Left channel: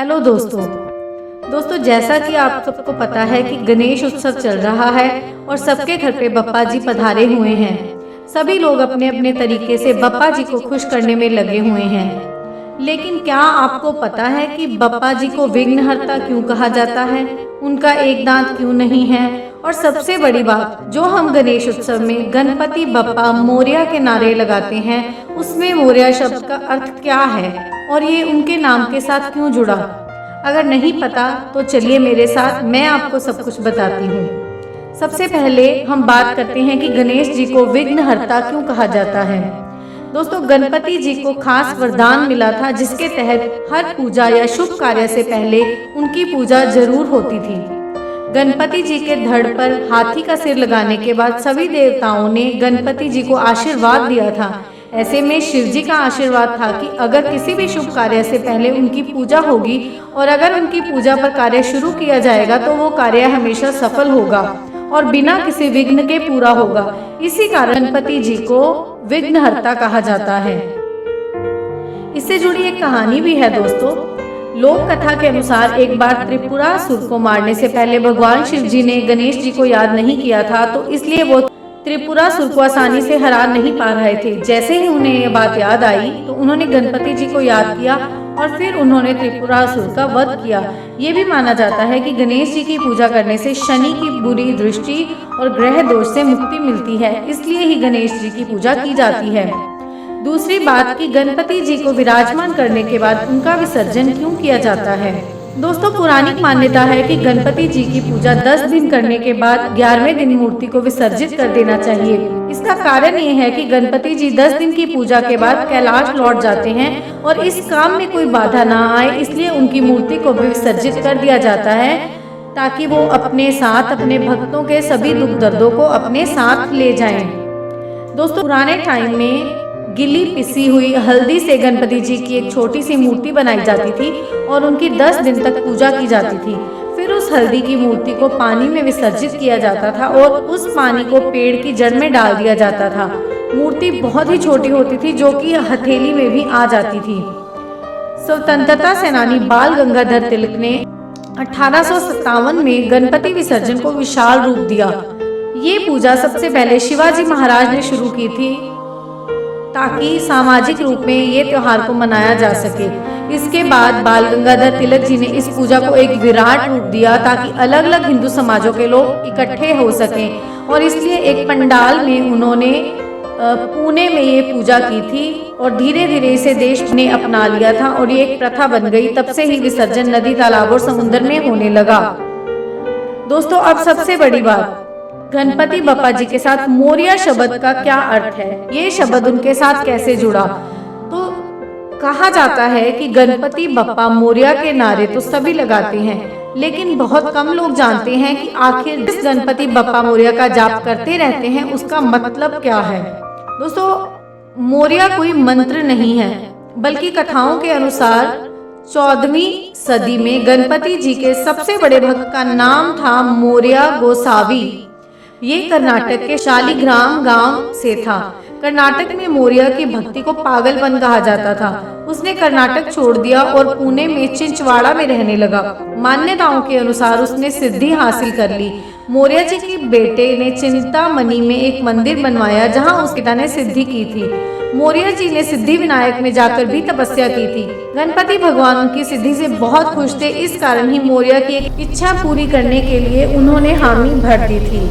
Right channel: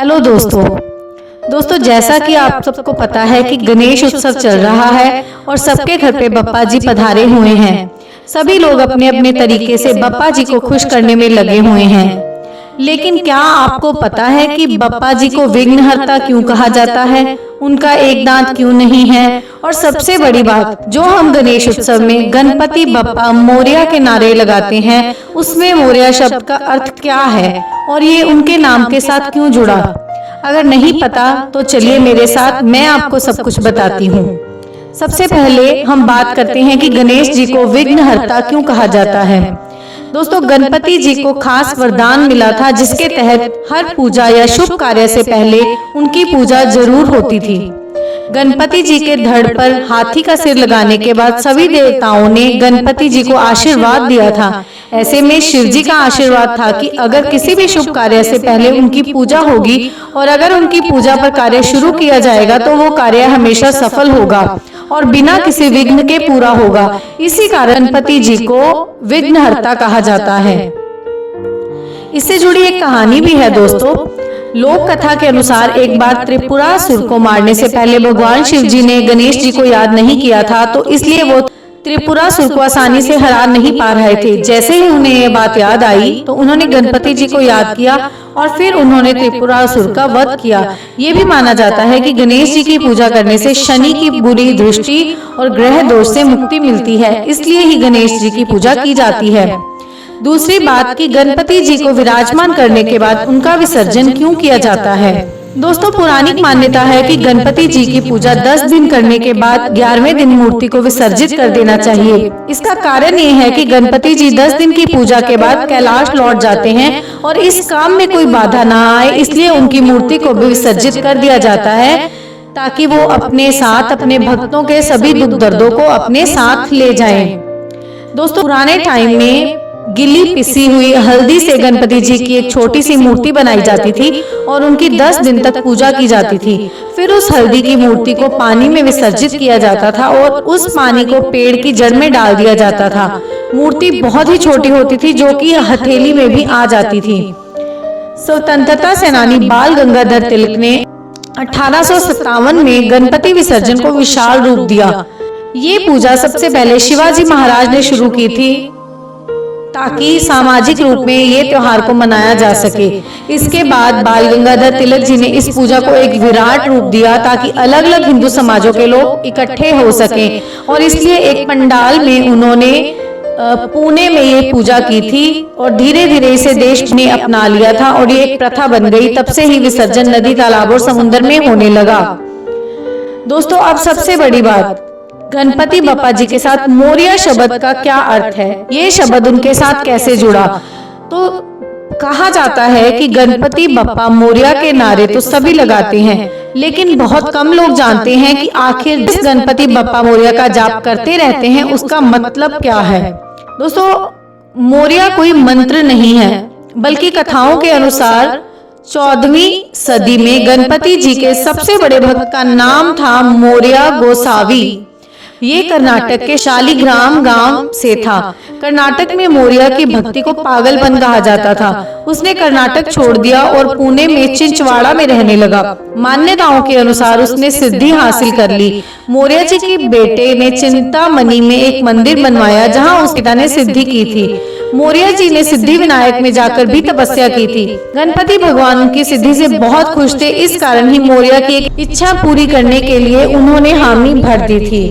Hello दोस्तों जैसा कि आप सबको पता है कि गणेश उत्सव चल रहा है और सबके घर पे बप्पा जी पधारे हुए हैं। सभी लोग अपने अपने तरीके से बप्पा जी को खुश करने में लगे हुए हैं। लेकिन क्या आपको पता है कि बप्पा जी को विघ्नहर्ता क्यों कहा जाता है? उनका एक दांत क्यों नहीं है? और सबसे बड़ी बात, जो हम गणेश उत्सव में गणपति बप्पा मोरया के नारे लगाते हैं, उसमें मोरया शब्द का अर्थ क्या है और ये उनके नाम के साथ क्यों जुड़ा? अगर नहीं पता तो चलिए मेरे साथ, मैं आपको सब कुछ बताती हूँ। सबसे पहले हम बात करते हैं कि गणेश जी को विघ्नहर्ता क्यों कहा जाता है। दोस्तों, गणपति जी को खास वरदान मिला था जिसके तहत हर पूजा या शुभ कार्य से पहले उनकी पूजा जरूर होती थी। गणपति जी के धड़ पर हाथी का सिर लगाने के बाद सभी देवताओं ने गणपति जी को आशीर्वाद दिया था। ऐसे में शिव जी का आशीर्वाद था कि अगर किसी भी शुभ कार्य से पहले उनकी पूजा होगी और अगर उनकी पूजा पर कार्य शुरू किया जाएगा तो वो कार्य हमेशा सफल होगा और बिना किसी विघ्न के पूरा होगा। इसी कारण गणपति जी को विघ्नहर्ता कहा जाता है। इससे जुड़ी एक कहानी भी है दोस्तों। लोक कथा के अनुसार एक बार त्रिपुरासुर को मारने से पहले भगवान शिव जी ने गणेश जी को याद नहीं किया था, तो इसलिए वो त्रिपुरासुर को आसानी से हरा नहीं पा रहे थे। जैसे ही उन्हें ये बात याद आई तो उन्होंने गणपति जी को याद किया और फिर उन्होंने त्रिपुरासुर का वध किया। ये भी माना जाता है कि गणेश जी की पूजा करने से शनि की बुरी दृष्टि और ग्रह दोष से मुक्ति मिलती है, इसलिए ही गणेश जी की पूजा की जाती है। दूसरी बात कि गणपति जी को विराजमान करने के बाद उनका विसर्जन क्यों किया जाता है। दोस्तों, पौराणिक मान्यता है कि गणपति जी की पूजा 10 दिन करने के बाद 11वें दिन मूर्ति को विसर्जित कर देना चाहिए। इसका कारण ये है कि गणपति जी 10 दिन की पूजा के बाद कैलाश लौट जाते हैं और इस काम में कोई बाधा न आए, इसलिए उनकी मूर्ति को भी विसर्जित कर दिया जाता है ताकि वो अपने साथ अपने भक्तों के सभी दुख दर्दों को अपने साथ ले जाएं। दोस्तों, पुराने टाइम में गिली पिसी हुई हल्दी से गणपति जी की एक छोटी सी मूर्ति बनाई जाती थी और उनकी 10 दिन तक पूजा की जाती थी। फिर उस हल्दी की मूर्ति को पानी में विसर्जित किया जाता था और उस पानी को पेड़ की जड़ में डाल दिया जाता था। मूर्ति बहुत ही छोटी होती थी जो कि हथेली में भी आ जाती थी। स्वतंत्रता सेनानी बाल गंगाधर तिलक ने 1857 में गणपति विसर्जन को विशाल रूप दिया। ये पूजा सबसे पहले शिवाजी महाराज ने शुरू की थी ताकि सामाजिक रूप में ये त्योहार को मनाया जा सके। इसके बाद बाल गंगाधर तिलक जी ने इस पूजा को एक विराट रूप दिया ताकि अलग अलग हिंदू समाजों के लोग इकट्ठे हो सकें और इसलिए एक पंडाल में उन्होंने पुणे में ये पूजा की थी और धीरे धीरे इसे देश ने अपना लिया था और ये एक प्रथा बन गई। तब से ही विसर्जन नदी, तालाब और समुद्र में होने लगा। दोस्तों, अब सबसे बड़ी बात, गणपति बप्पा जी के साथ मोरया शब्द का क्या अर्थ है, ये शब्द उनके साथ कैसे जुड़ा? तो कहा जाता है कि गणपति बप्पा मोरया के नारे तो सभी लगाते हैं, लेकिन बहुत कम लोग जानते हैं कि आखिर जिस गणपति बप्पा मोरया का जाप करते रहते हैं उसका मतलब क्या है। दोस्तों, मोरया कोई मंत्र नहीं है, बल्कि कथाओं के अनुसार 14वीं सदी में गणपति जी के सबसे बड़े भक्त का नाम था मोरया गोसावी। ये कर्नाटक के शालिग्राम गांव से था। कर्नाटक में मोरया की भक्ति को पागलपन कहा जाता था। उसने कर्नाटक छोड़ दिया और पुणे में चिंचवाड़ा में रहने लगा। मान्यताओं के अनुसार उसने सिद्धि हासिल कर ली। मोरया जी के बेटे ने चिंतामणि में एक मंदिर बनवाया जहां उसके पिता ने सिद्धि की थी। मोरया जी ने सिद्धि विनायक में जाकर भी तपस्या की थी। गणपति भगवान उनकी सिद्धि से बहुत खुश थे, इस कारण ही मोरया की एक इच्छा पूरी करने के लिए उन्होंने हामी भर दी थी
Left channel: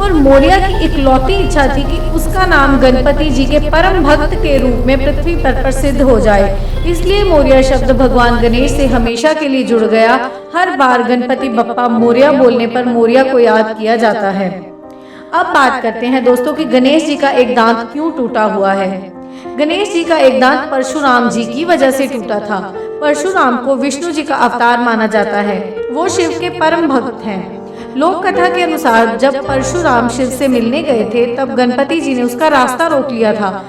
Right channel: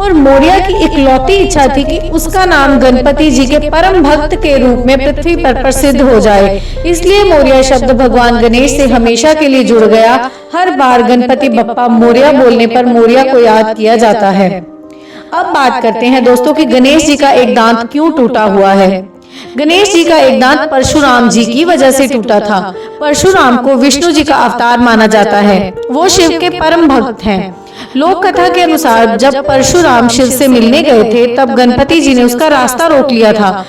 और मोरया की इकलौती इच्छा थी कि उसका नाम गणपति जी के परम भक्त के रूप में पृथ्वी पर प्रसिद्ध हो जाए। इसलिए मोरया शब्द भगवान गणेश से हमेशा के लिए जुड़ गया। हर बार गणपति बप्पा मोरया बोलने पर मोरया को याद किया जाता है। अब बात करते हैं दोस्तों कि गणेश जी का एक दांत क्यों टूटा हुआ है। गणेश जी का एक दांत परशुराम जी की वजह से टूटा था। परशुराम को विष्णु जी का अवतार माना जाता है। वो शिव के परम भक्त हैं। लोक कथा के अनुसार जब परशुराम शिव से मिलने गए थे तब गणपति जी ने उसका रास्ता रोक लिया था।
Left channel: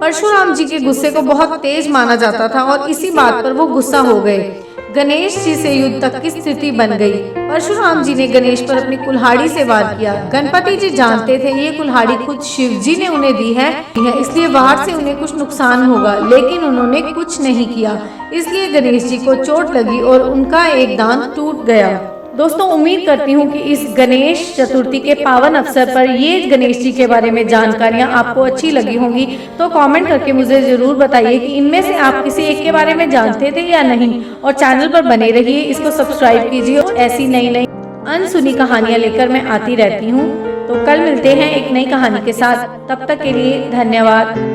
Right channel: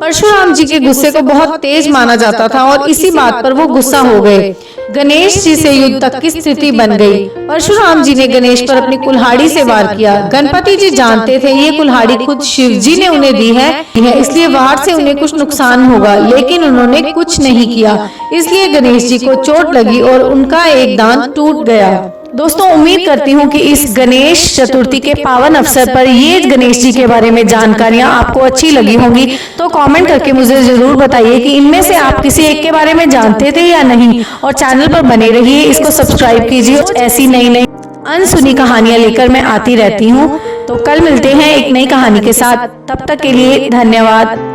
परशुराम जी के गुस्से को बहुत तेज माना जाता था और इसी बात पर वो गुस्सा हो गए। गणेश जी से युद्ध तक की स्थिति बन गई। परशुराम जी ने गणेश पर अपनी कुल्हाड़ी से वार किया। गणपति जी जानते थे ये कुल्हाड़ी खुद शिव जी ने उन्हें दी है, इसलिए वार से उन्हें कुछ नुकसान होगा, लेकिन उन्होंने कुछ नहीं किया। इसलिए गणेश जी को चोट लगी और उनका एक दांत टूट गया। दोस्तों, उम्मीद करती हूँ कि इस गणेश चतुर्थी के पावन अवसर पर ये गणेश जी के बारे में जानकारियाँ आपको अच्छी लगी होंगी। तो कमेंट करके मुझे जरूर बताइए कि इनमें से आप किसी एक के बारे में जानते थे या नहीं। और चैनल पर बने रहिए, इसको सब्सक्राइब कीजिए। ऐसी नई नई अनसुनी कहानियाँ लेकर मैं आती रहती हूँ। तो कल मिलते हैं एक नई कहानी के साथ। तब तक के लिए धन्यवाद।